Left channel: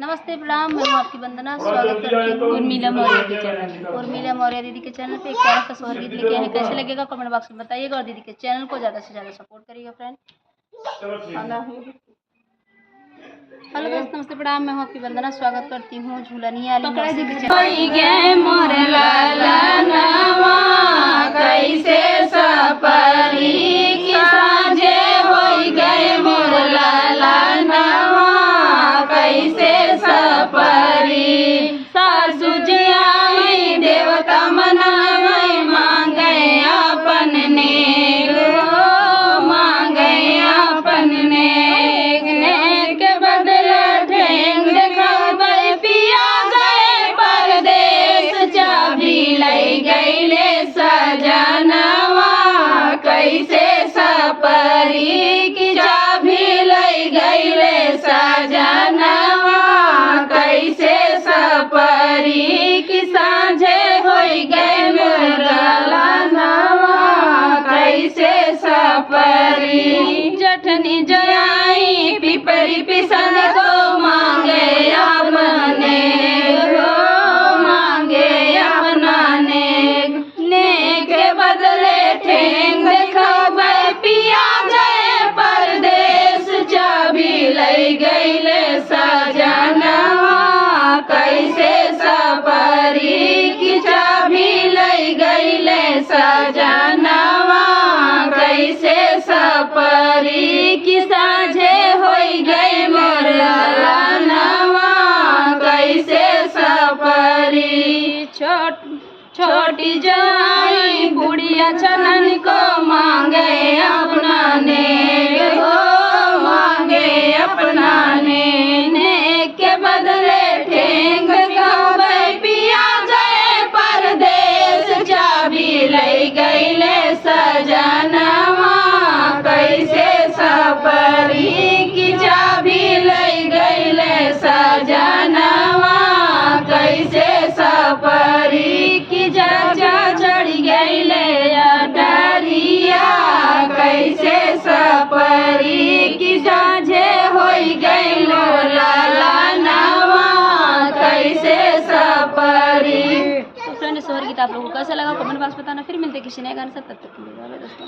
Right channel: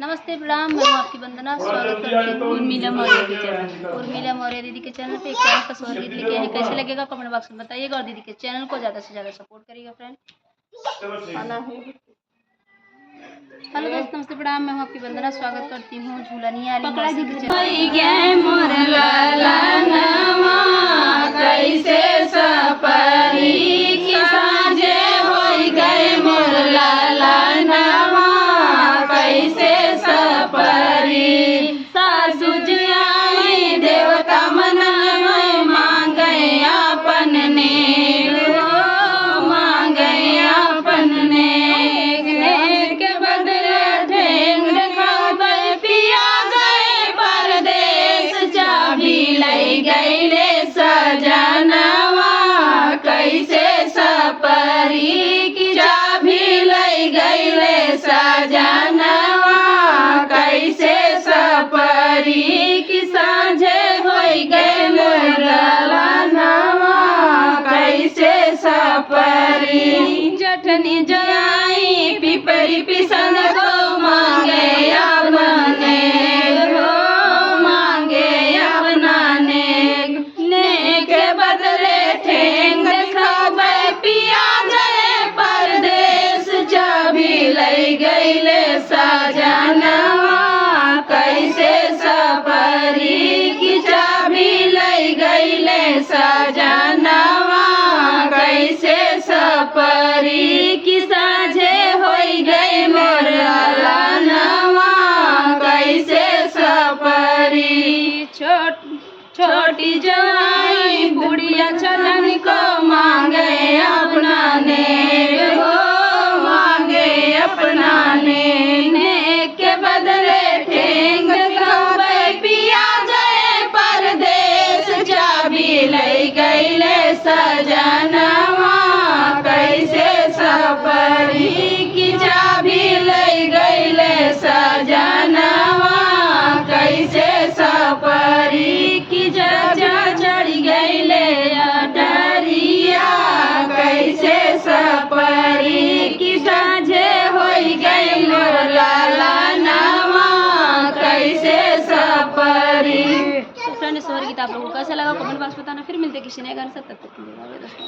नमस्ते प्रणाम, मैं हूँ आपकी वंदना। स्वागत करती हूँ उर्मिला मौर्य के चैनल उर्मिला मौर्य दीदी के चैनल पे। एक प्यारा सा सोहर गीत लेके आए हैं। कैसे लगेगा कमेंट बॉक्स में बताइएगा और दीदी के चैनल को ज़्यादा से ज़्यादा सपोर्ट करिएगा फ्रेंड। हेलो दोस्त, नमस्ते प्रणाम, मैं हूँ आपकी वंदना। स्वागत करती हूँ झूलनिया वाली मौसी के गईले सजनवा कैसे सपरी की चाबी लई गईले सजनवा कैसे सपरी की साँझे होई गए मोरलनवा कैसे सपरी जठनी जलाई पिपरी पिसन को मांगे अपने गईले सजनवा कैसे सपरी की चाबी लई गईले सजनवा कैसे सपरी की साँझे होई गई मोरलनवा कैसे सपरी छोटी जवाई बुढ़िया चनन को मांगे अपना ने के बदले ठेंग गए पिया जाए परदेश चाबी लई गईले सजनवा कैसे सपरी की चाबी लई गईले सजनवा कैसे सपरी की जा चढ़ गईले डरिया कैसे सपरी की साँझे होई गई सोहर गीत आप लोगों को कैसा लगा कमेंट बॉक्स बताना। फिर मिलते किसी नए गाने से, तब तक के लिए बाय बाय दोस्तों।